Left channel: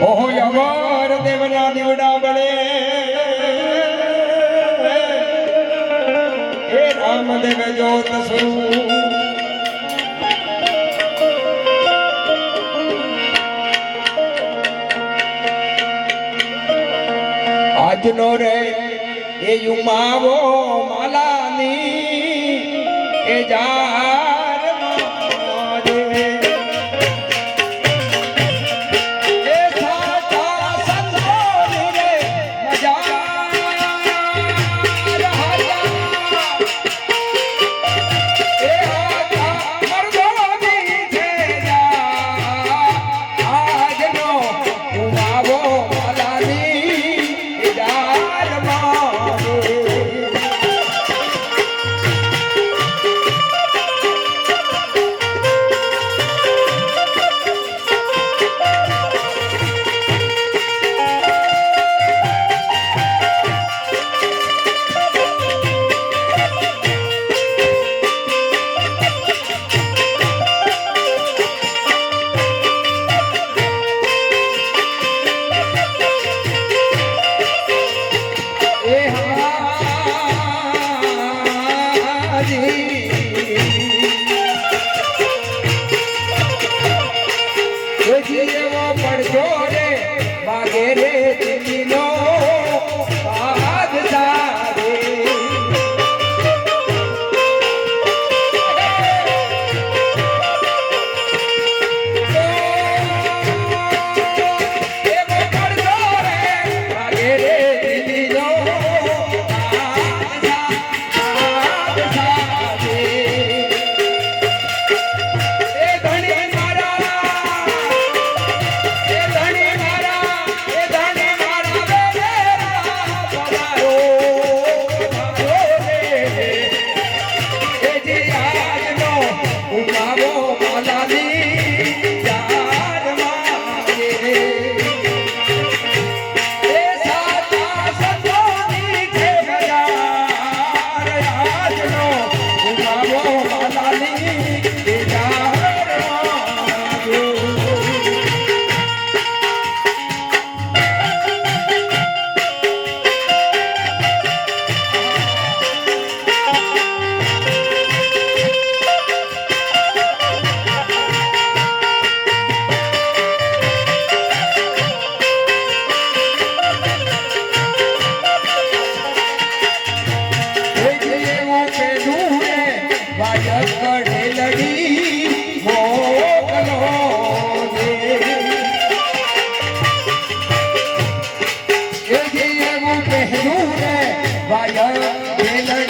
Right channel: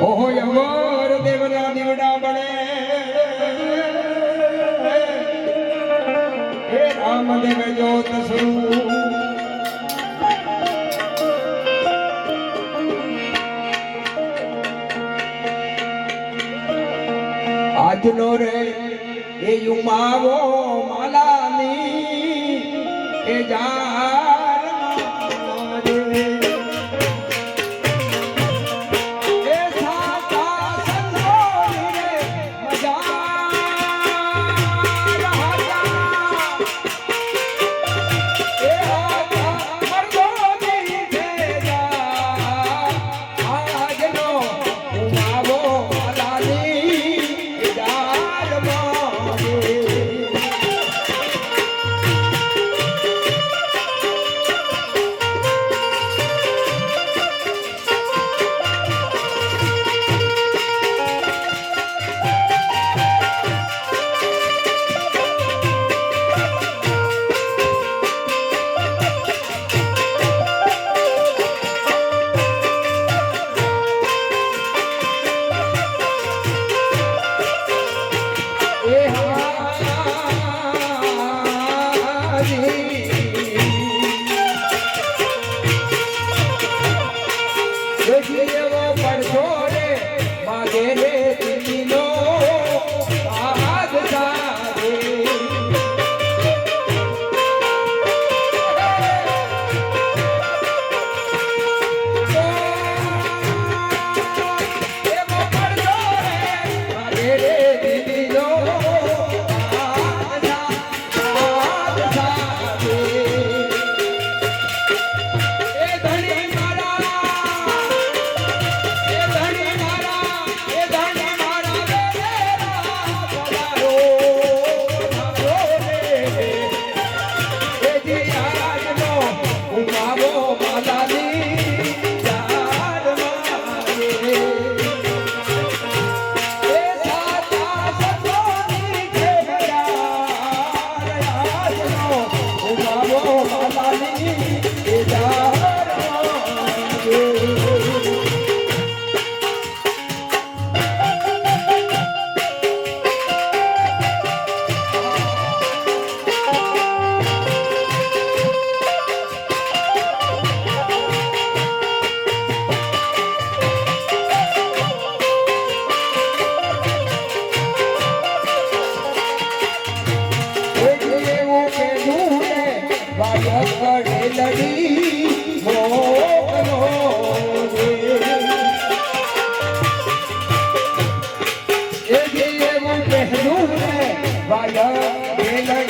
ઓહો અવર દેવના દીવડા રામદેવ જોત આજનો રે એ યુમાવો માલાની એ જાર ಬೇಲ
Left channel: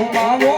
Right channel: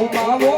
ઉમાવો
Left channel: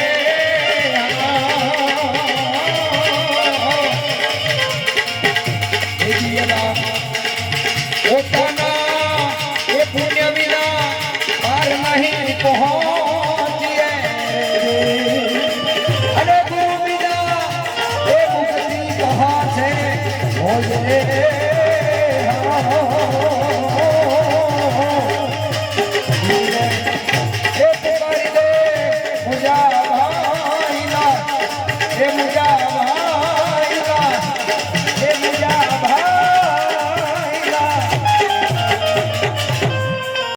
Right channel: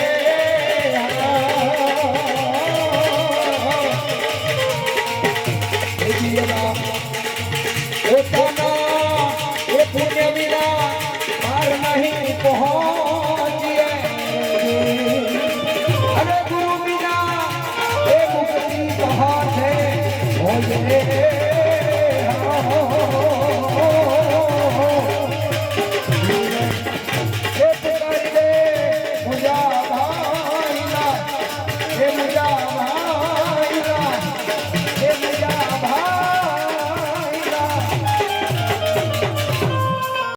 આવજે હો